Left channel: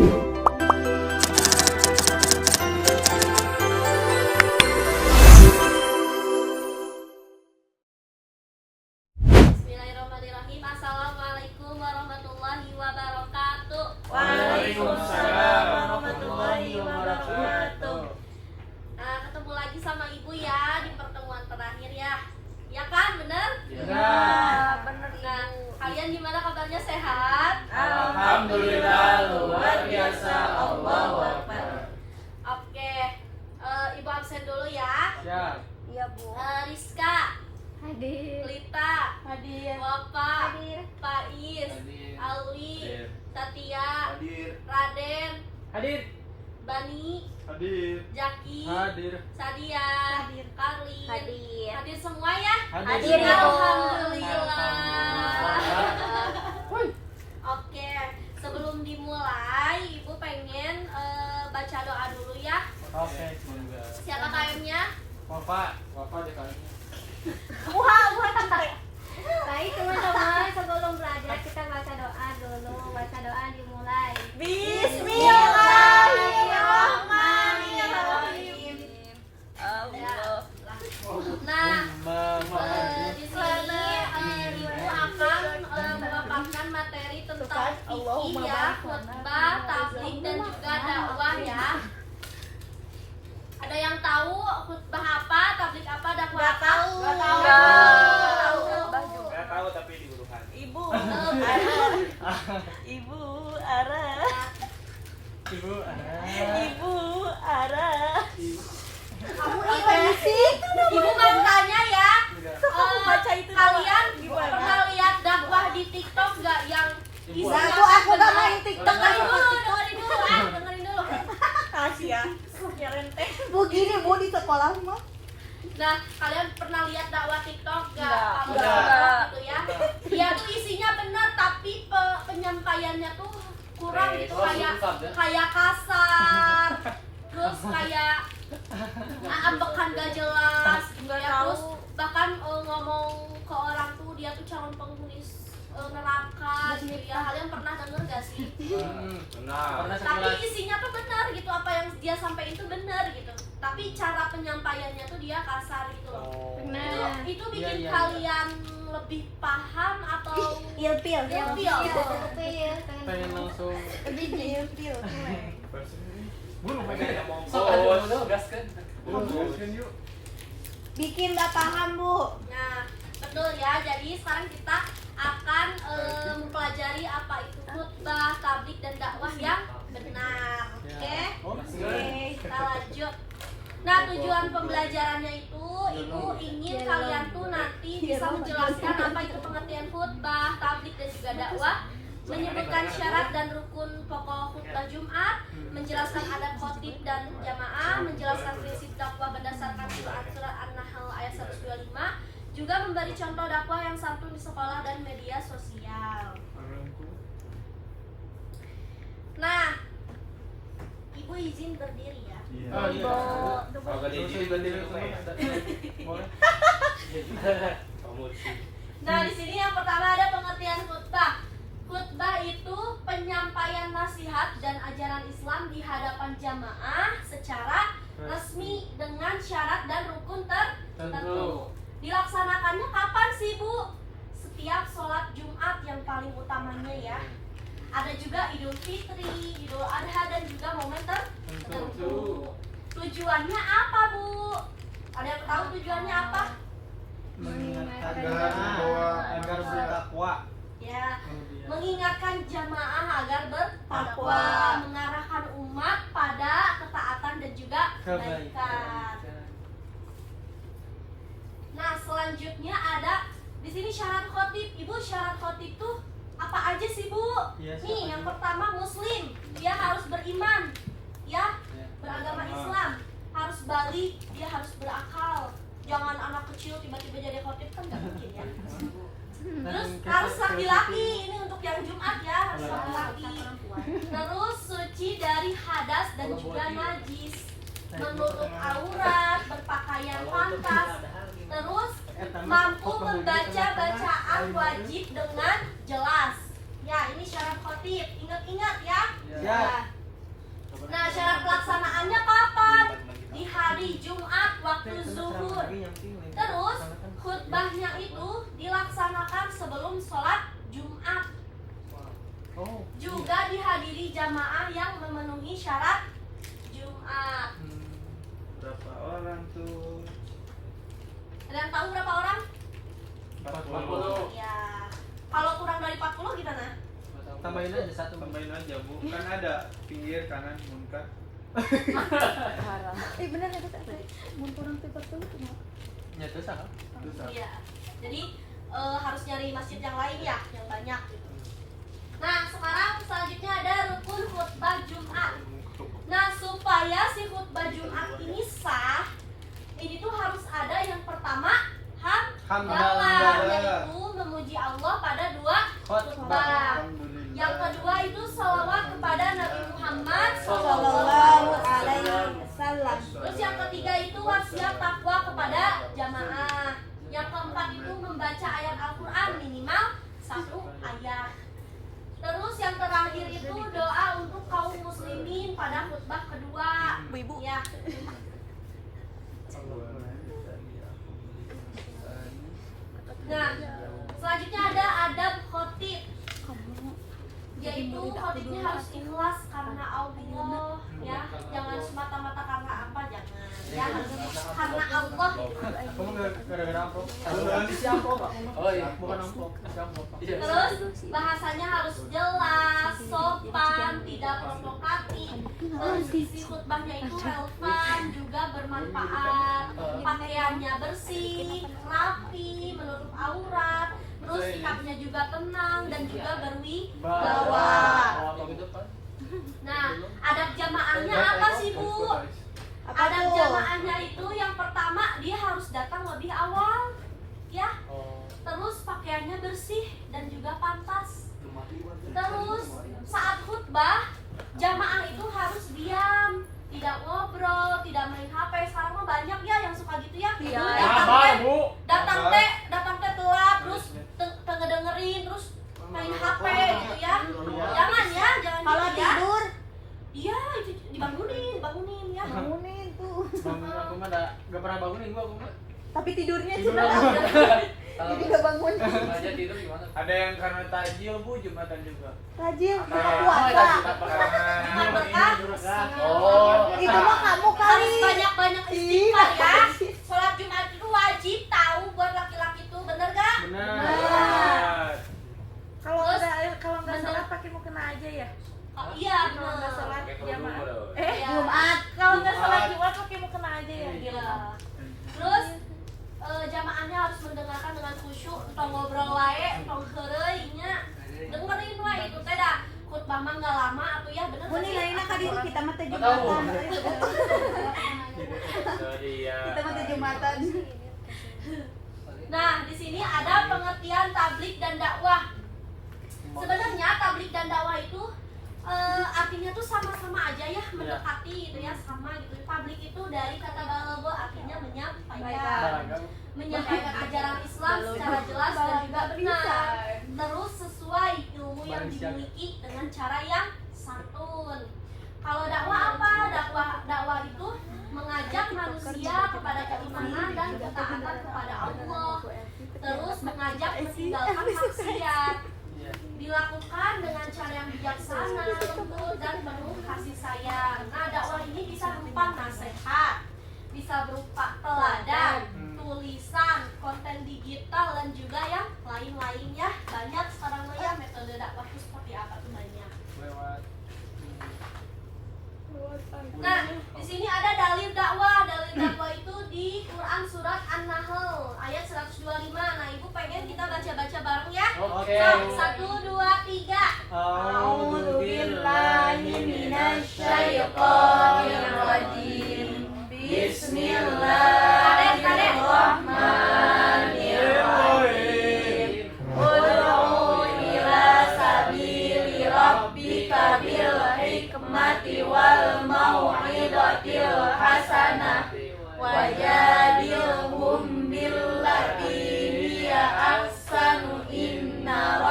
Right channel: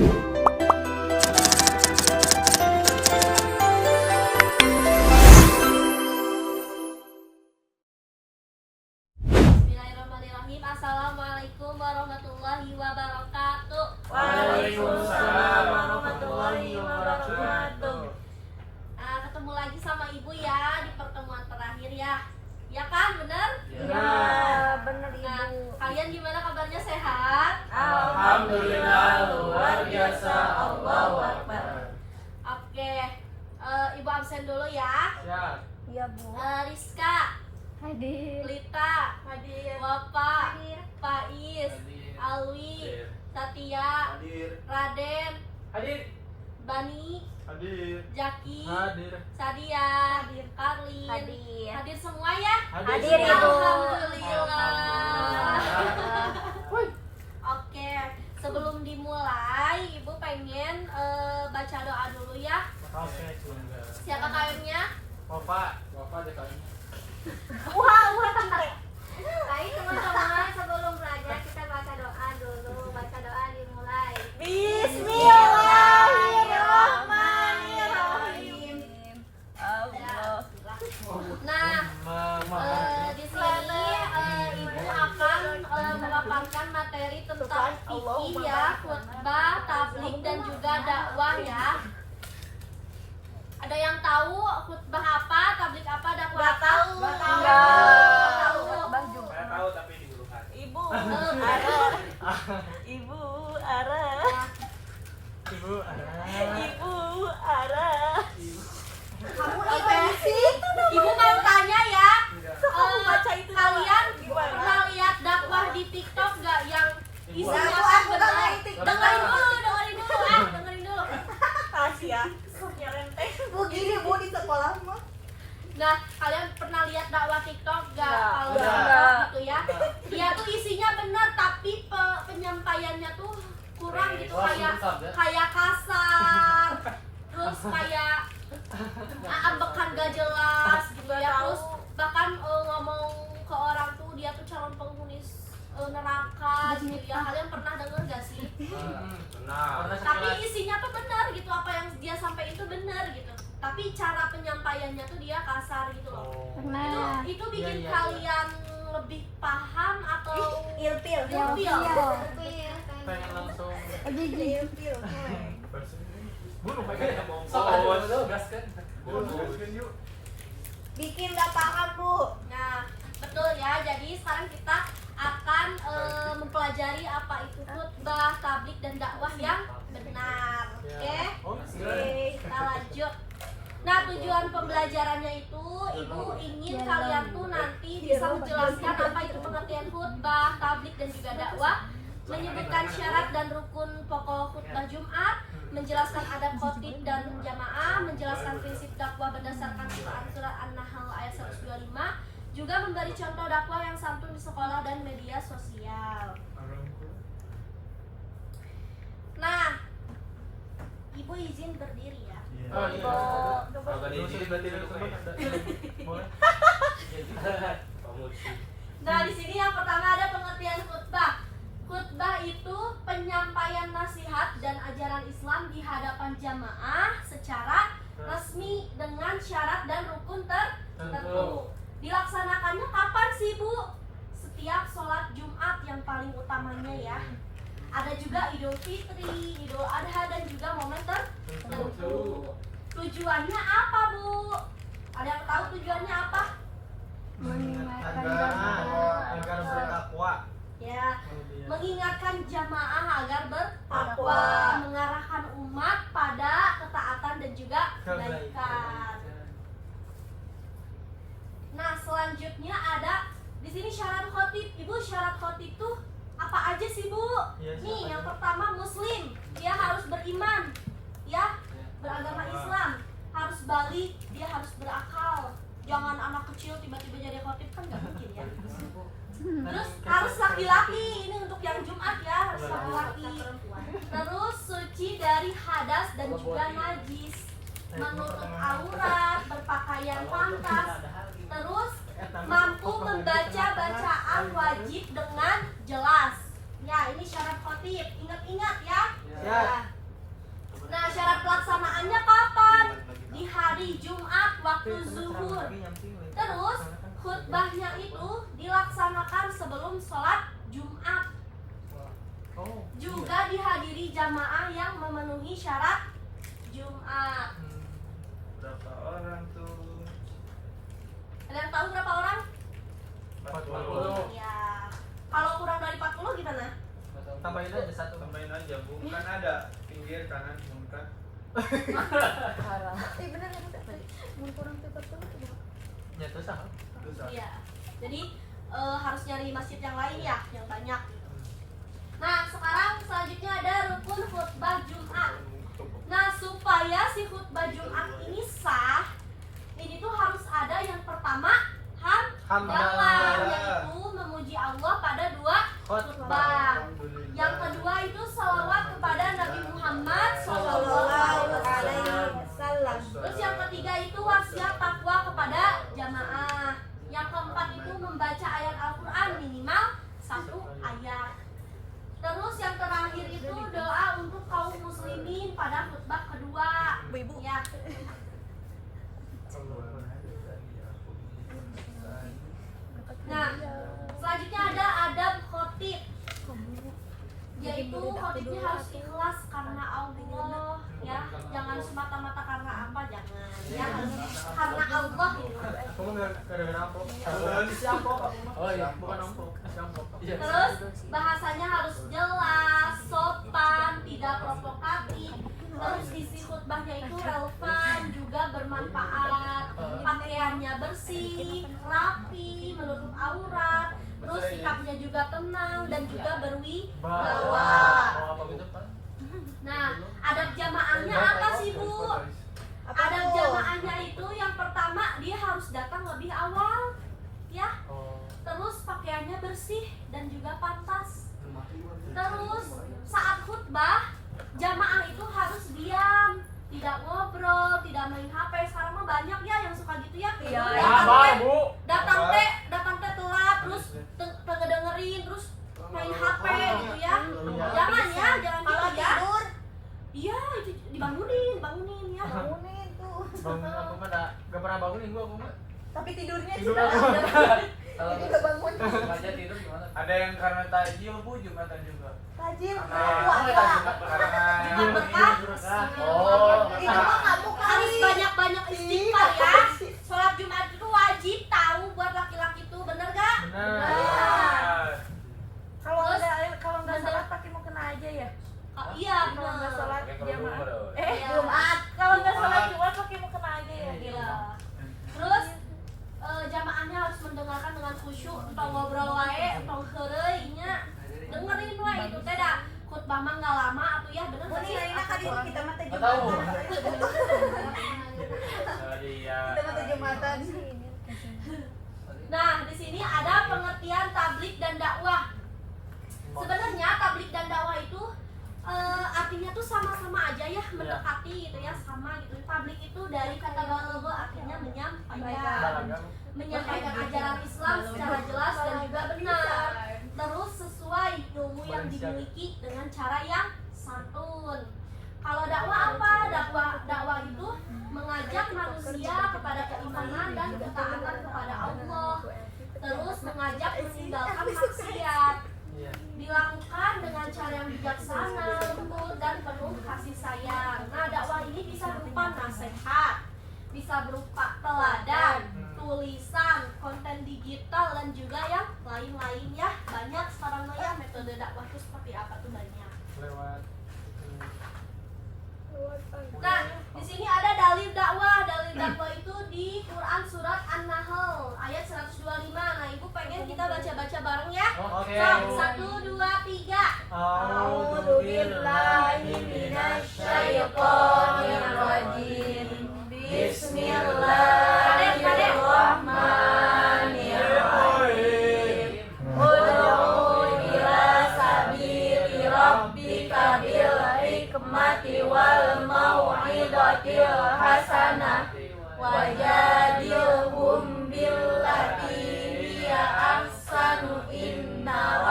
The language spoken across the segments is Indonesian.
Bismillahirrahmanirrahim. Assalamualaikum warahmatullahi wabarakatuh. Waalaikumsalam warahmatullahi wabarakatuh. Ketemu lagi sama ibu ya di pertemuan terakhir ya. Ya kan, bener? Ya. Bener. Nah, kalian gimana kabarnya, sehat? Alhamdulillah, luar biasa. Allahu Akbar. Oke, ibu absen dulu ya. Siap. Iya Bu. Rizka, Hadir. Lita, Hadir. Bapak, Hadir. Pais, Alwi, Hadir. Tatia, Hadir. Raden, Hadir. Bani, Hadir. Jaki, Hadir. Sadia, Karlin, Hadir. hadir semua ya? Hadir. Alhamdulillah. Oke, sebelum dimulai, ibu pengen baca doa dulu ya. Oke, semoga. Siapa KM-nya? Bapak aja kali. Baik teman-teman, sebelum belajar kita baca doa dulu. Baca doa dimulai. Bismillahirrahmanirrahim. Nah, di sini ibu akan memaparkan materi tentang fikih ya, khutbah, tabligh dan juga dakwah ya. Ada yang tahu khutbah apa, tabligh apa, dakwah apa? Nggak tahu. Enggak tahu tapi diurukan. Ibu Ara. Oke, ibu mau tanya ya, kalian pernah lihat dakwah di TikTok nggak yang isinya? Dengerin dulu. Kasih ya. Yang renteng. Bu gini Bu di sekolah mah. Nah, kalian pernah lihat dakwah TikTok nggak? Kalau Udah. TikTok gitu ya, dia tuh isinya benar tapi penyampaiannya tuh kurang gitu, kayak kasar, terus kayak ambekan gak jelas gitu ya, terus bahkan ngomong ke orang tuh dia tuh calon penghuni neraka gitu ya. Kalian pernah denger gak sih? Benar. Tapi isinya tuh benar gitu, apa yang dia sampaikan itu benar gitu, tapi cara penyampaiannya tuh dia kasar gitu loh. Pernah. Itu bikin Iya. kalian lebih paham atau Ilpil. Ilpil. Pengen langsung. Lebih di ilpil. Bikin nggak paham Bu. Nah, betul ya. Jadi sekarang kita akan mempelajari apa itu khutbah, tabligh dan dakwah yang benar. Oke? Oke, kita lanjut. Nah, tujuan pembelajarannya itu ibu ingin kalian tuh nanti bisa menjelaskan apa itu pengertian khutbah, tabligh dan juga dakwah, menyebutkan syarat dan rukun pokok khutbah Jumat, menjelaskan adab khotib dan jamaah, menjelaskan prinsip dakwah berdasarkan surat An-Nahl ayat 125, juga memberi contoh dakwah yang santun di sekolah dan media sosial. Nah, ibu izin berdiri ya. Nah, di sini yang pertama ada pengertian khutbah. Khutbah itu penyampaian nasihat dan ajaran Islam di hadapan jamaah secara resmi dengan syarat dan rukun tertentu. Dilaksanakannya kapan sih Bu? Setiap sholat Jumat yang paling utamanya ya. Ada juga Idul Fitri, Idul Adha dan juga momen tertentu. Tujuannya apa Bu? Ada yang tahu tujuannya apa? Mengingatkan Agar bertakwa. Ya, mengingatkan jamaah agar bertakwa, mengarahkan umat pada ketaatan dan juga kebaikan. Nah, selanjutnya ada di sini syarat khotib. Ibu, syarat khotib tuh apa aja sih Bu? Nih, yang pertama Muslim, dia harus beriman, ya, beragama Islam, harus balik, dia harus berakal. Jangan anak kecil tiba-tiba jadi khotib, kan nggak mungkin ya. Terus harus laki-laki, ini untuk yang Jumat ya, harus laki-laki. Terus suci dari hadas dan juga najis, menutup aurat, berpakaian pantas. Terus mampu membaca bacaan wajib dengan jelas. Ya, ini syarat khotib. Ingat-ingat ya. Ya. Nah, syarat pelaksanaannya kapan? Di hari Jumat waktu zuhur. Terus khutbahnya itu dilaksanakan sebelum sholat Jumat. Juga dihadiri jamaah yang memenuhi syarat Jumat. Berapa orang tuh? Ada yang tahu berapa orang? 40. Ya. Kalau kurang dari 40 gimana? Tambahin aja satu. Tambahin aja, Bu. Kan ada pinggir kanan muncrat. Bener ada tadi. Mau kurang 40 Ya terus apa? Iya. Jadi harus nyari masjid yang lain ya, yang banyak gitu. Nah, sekarang selanjutnya ada rukun khutbah Jumat. Nah, supaya si khutbah Jumat ini sah, ini tuh harus ada yang pertama hamdalah, yaitu memuji Allah pada dua khutbah. Yang kedua itu salawat kepada Nabi Muhammad Sallallahu alaihi wasallam. Terus yang ketiga itu wasiat takwa kepada jamaah. Yang keempat itu membaca ayat Al-Quran minimal 1 ayat. Terus yang terakhir itu doa untuk kaum muslimin pada khutbah kedua. Ibu. Ya. Nah, selanjutnya ada adab khotib, yaitu khotibnya harus ikhlas karena Allah, ya, jangan semata-mata karena apa, jangan, ya, harus karena Allah. Kamu gara-gara apa? Oh iya, bukan ampok. Terus bahasanya harus jelas, sopan, tidak provokatif. Terus isi khutbahnya itu relevan, juga bermanfaat. Pakaiannya bersih, rapi, menutup aurat. Terus sikapnya juga tenang dan juga berwibawa. Nah, adab jamaahnya apa sih, Bu? Adab jamaahnya itu yang pertama dia harus datang lebih awal, ya. Terus pakaiannya bersih dan juga pantas. Terus saat khutbah jamaah itu harus diam, tidak ngobrol, tidak main HP. Sekarang mah banyak ya yang suka gitu ya. Datang teh telat, terus ngedengerin, terus main HP gitu ya. Jangan ya, jangan gitu ya. Tidur. Iya, dibangunin ya. Bangunin tuh. Gak pernah bangunin gua. Tapi tidurnya Tidur sudah aja. ada. Jadi gak bangun. Aja tidur gimana? Ada yang karena tajil, Bu, Jumatan juga. Tajil, Karena Jumat berkah. Oh, itu mah kamu kali. Harus banyak-banyak istighfar ya. Sholat Jumat itu wajib tahu buat laki-laki tuh, bener gak? Benar. Kalau Terus, nggak sholat pakai mukena aja ya. Iya Kalau nggak bener. sholat jamaah. Iya. Jumat. Kalau nggak sholat Jumat pakai mukena aja ya. Iya. Terus jamaahnya harus mendengarkan dengan khusyuk, entong ngobrol wae, entong heureuy nya. Dengerin wae itu teh da khutbah mah enggak lama atuh ya, bener Mun gak sih? nilainya ka ditu kita mah teh Tahu. Jumatan. Sorry ya. Kita mah teh Jumatan. Nah, di sini ada pengertian tablik dan dakwah. Sebenarnya tablik dan dakwah itu artinya tuh sama-sama aja ya, mendekati gitu ya, sama gitu. Tablik itu dari kata balagho artinya menyampaikan ajaran Islam secara jelas dan juga benar. Terus sesuai ilmu yang dimiliki dengan cara yang santun. Kalau dakwah apa? Dakwah itu mengajak manusia kepada keimanan dan ketaatan kepada Allah. Terus mengajak meninggalkan maksiat. Dilakukan dengan cara yang bijaksana, lembut dan penuh kasih sayang. Nah, dakwah ini bisa berupa nasihat, bisa berupa teladan, tulisan, konten digital dan juga yang lain-lainnya. Banyak sekarang mah ya metode dakwah itu seperti apa tuh banyak. Nah, di sini ada dalil dakwah. Dalil dakwah itu di Quran surat An-Nahl ayat 125. Nah, Ibu pengen kita baca-baca bareng ya? Oke. So, 1, 2, 3. A'udzu billahi minasyaitonir rajim. Bismillahirrahmanirrahim. Ud'u ila sabili rabbika bil hikmati wal mau'izatil hasanah wajadilhum billati hiya ahsanu inna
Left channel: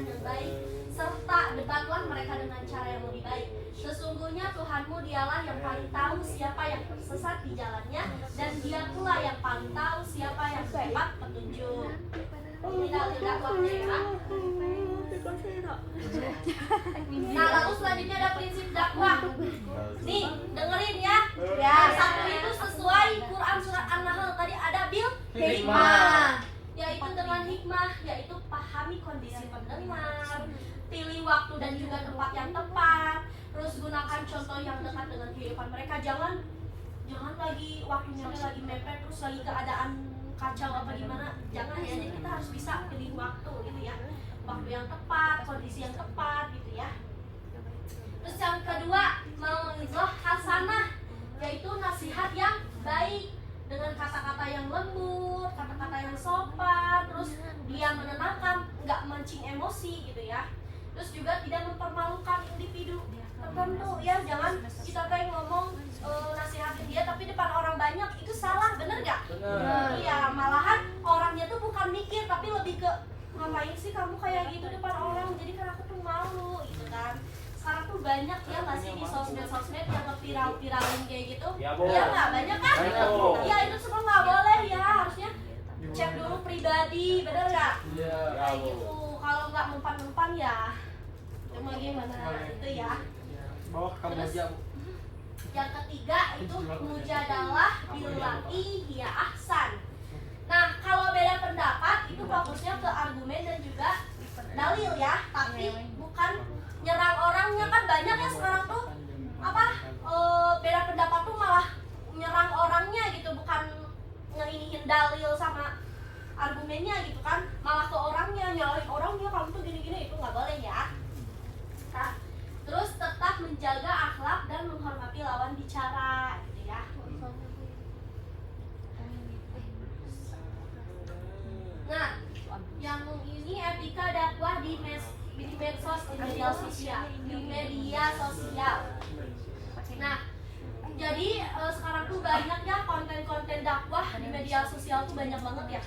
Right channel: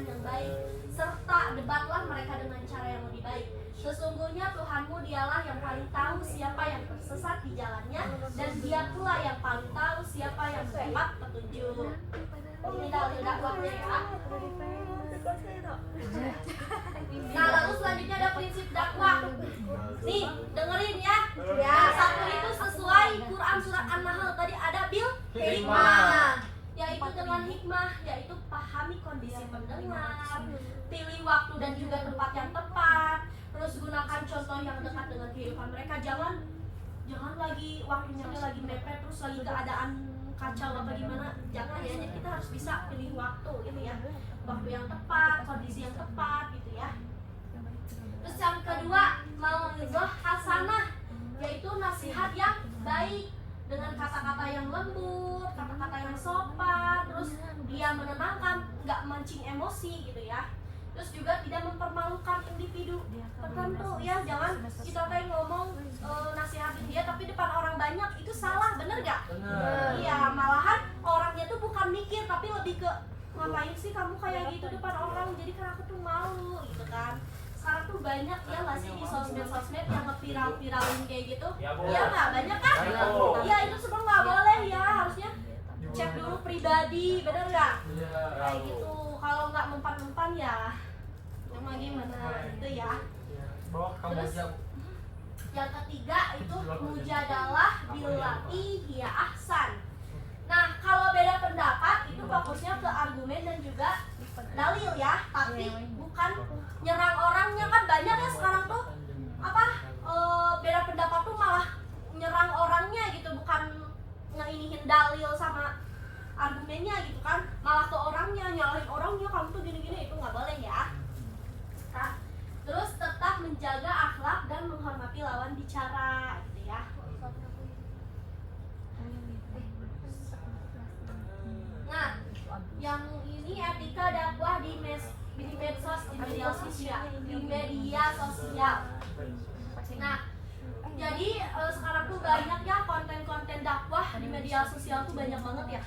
perkataan yang baik, serta debatlah mereka dengan cara yang lebih baik. Sesungguhnya Tuhanmu dialah yang paling tahu siapa yang tersesat di jalannya, dan dia pula yang paling tahu siapa yang mendapat petunjuk. Ini dalil dakwahnya ya. Nah, lalu selanjutnya ada prinsip dakwah. Nih, dengerin ya. Yang satu itu sesuai Quran surat An-Nahl tadi ada bil hikmah, yaitu dengan hikmah, yaitu pahami kondisi pendengar, pilih waktu dan juga tempat yang tepat, terus gunakan contoh yang dekat dengan kehidupan mereka. Jangan lagi waktunya lagi mepet, terus lagi keadaan kacau apa gimana, jangan ya. Jadi kita harus bisa pilih waktu gitu ya, waktu yang tepat, kondisi yang tepat gitu ya. Terus yang kedua, mau'izah hasanah, yaitu nasihat yang baik dengan kata-kata yang lembut, kata-kata yang sopan, terus dia menenangkan, nggak mancing emosi gitu ya. Terus juga tidak mempermalukan individu tertentu ya. Jangan kita kayak ngomong nasihatin dia tapi depan orang banyak, itu salah, bener gak? Bener. Iya, malahan orangnya tuh bukan mikir tapi lebih ke ngapain sih kamu kayak gitu depan orang, jadi kan aku tuh malu gitu kan. Sekarang tuh banyak ya nggak sih di sosmed yang nge-viral-viralin kayak gitu. Iya nggak, banyak kan? Iya, itu semua nggak boleh ya, harusnya cek dulu pribadi, bener nggak? Iya. Kayak gitu, kalau nggak mempan-mempan ya cuma gimana gitu ya. Terus yang ketiga itu mujadalah billati hiya ahsan. Nah, kalau beda pendapat itu fokusnya ke argumen dan juga dalil ya, tapi bukan nyerang orangnya. Kan banyak ya sekarang tuh beda pendapat tuh malah nyerang orangnya gitu, bukan ngeinihin dalil sama argumennya gitu kan, malah ke orangnya, nyalahin orangnya, kamu tuh gini-gini, itu nggak boleh ya. Nah, terus tetap menjaga akhlak dan menghormati lawan bicara gitu ya. Nah, yang ini etika dakwah di medsos, di media sosial. Nah, jadi sekarang tuh banyak ya konten-konten dakwah di media sosial tuh banyak banget ya.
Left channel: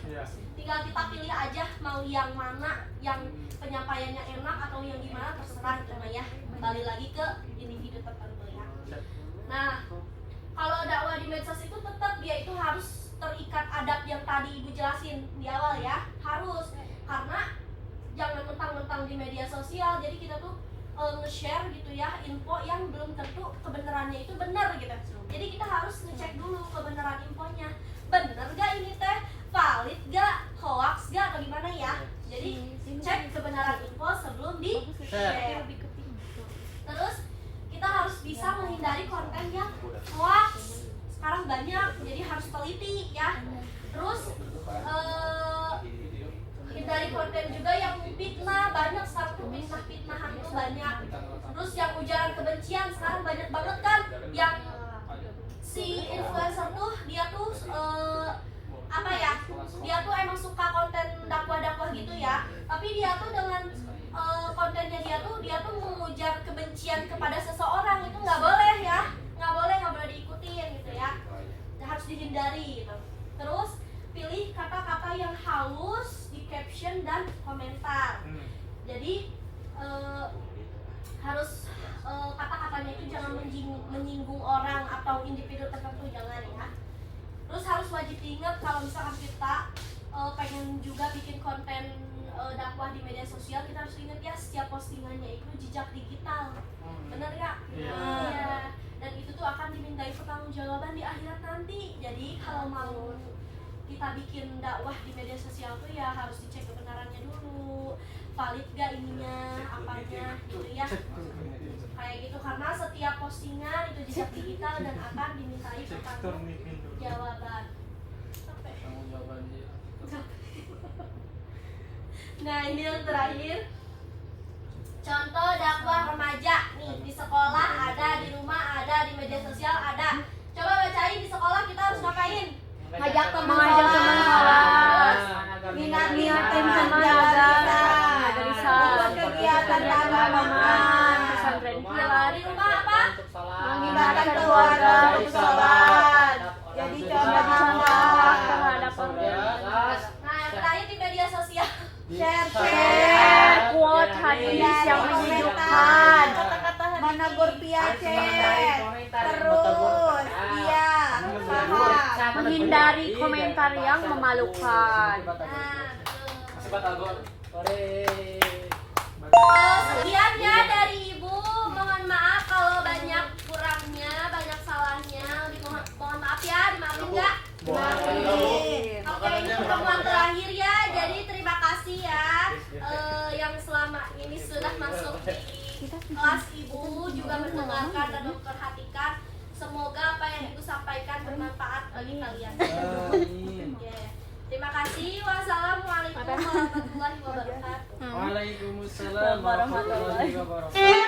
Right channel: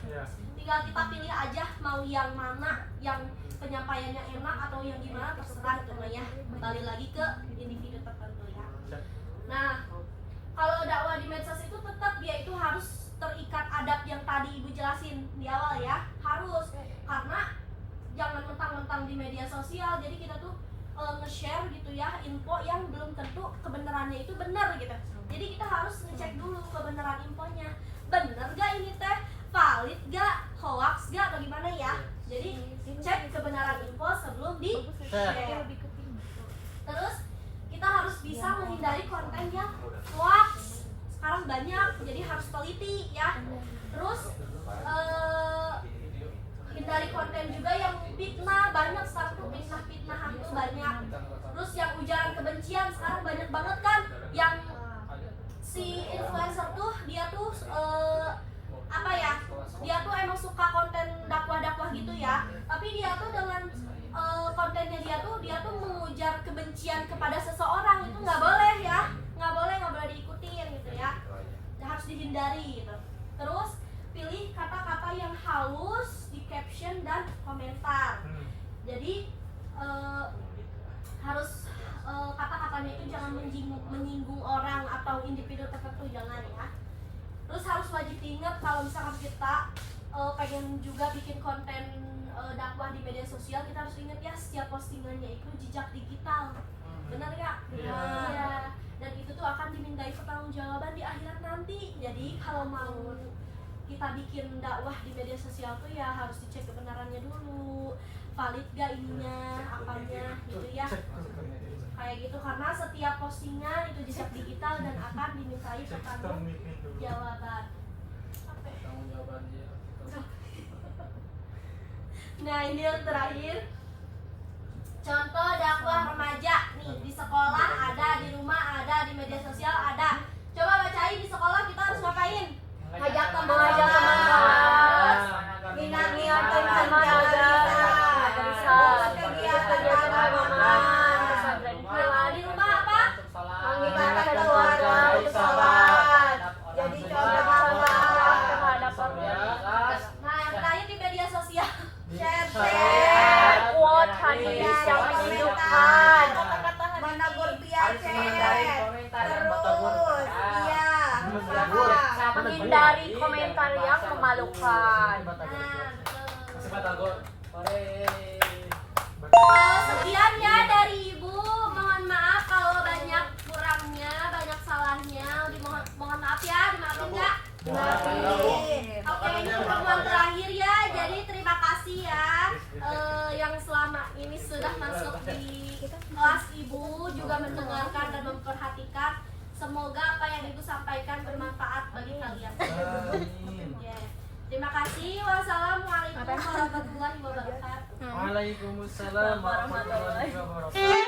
Tinggal kita pilih aja mau yang mana, yang penyampaiannya enak atau yang gimana, terserah itu mah ya. Kembali lagi ke individu tertentu ya. Nah, kalau dakwah di medsos itu tetap dia itu harus terikat adab yang tadi Ibu jelasin di awal ya, harus, karena jangan mentang-mentang di media sosial jadi kita tuh nge-share gitu ya info yang belum tentu kebenarannya itu benar gitu. Jadi kita harus ngecek dulu kebenaran infonya, bener gak ini teh, valid gak, hoax gak, atau gimana ya. Jadi cek kebenaran info sebelum di share. Terus kita harus bisa menghindari konten yang hoax, sekarang banyak, jadi harus teliti ya. Terus hindari konten juga yang fitnah, banyak sekarang tuh fitnah-fitnahan tuh banyak. Terus yang ujaran kebencian sekarang banyak banget kan, yang si influencer tuh dia tuh dia tuh emang suka konten dakwah-dakwah gitu ya, tapi dia tuh dengan kontennya dia tuh mengujar kebencian kepada seseorang, itu nggak boleh ya, nggak boleh diikutin gitu ya, harus dihindari gitu. Terus pilih kata-kata yang halus di caption dan komentar. Jadi harus kata-katanya itu jangan menyinggung orang atau individu tertentu, jangan ya. Terus harus wajib diingat kalau misalkan kita pengen juga bikin konten dakwah di media sosial, kita harus ingat ya setiap postingannya itu jejak digital, benar gak? Iya. Dan itu tuh akan dimintai pertanggungjawaban di akhirat nanti. Jadi kalau mau kita bikin dakwah di media sosial tuh ya harus dicek kebenarannya dulu, valid gak ininya, apanya gitu ya. Kayak gitu, karena setiap postingan itu jejak digital dan akan dimintai pertanggungjawaban. Nah, ini yang terakhir, contoh dakwah remaja nih, di sekolah ada, di rumah ada, di media sosial ada. Coba bacain, di sekolah kita harus ngapain? Ngajak teman sholat, minangin teman jalan, ikut kegiatan keagamaan. Nah, di rumah apa? Mengingatkan keluarga untuk sholat, jadi contoh akhlak. Nah, yang terakhir di media sosial, share, quote menghindari komentar, menegur Piace, terus iya sama menghindari komentar yang memalukan. Nah, betul. Sekat agon. Sekian ya dari Ibu. Mohon maaf kalau banyak kurangnya, banyak salahnya. Mohon maaf ya, dimaafin nggak? Oke, ini pertemuan terakhir ya. Jadi terima kasih ya yang selama ini sudah masuk di kelas Ibu, juga mendengarkan dan memperhatikan. Semoga apa yang Ibu sampaikan bermanfaat bagi kalian. Ya. Terima kasih. Wassalamualaikum warahmatullahi wabarakatuh. Waalaikumsalam warahmatullahi wabarakatuh.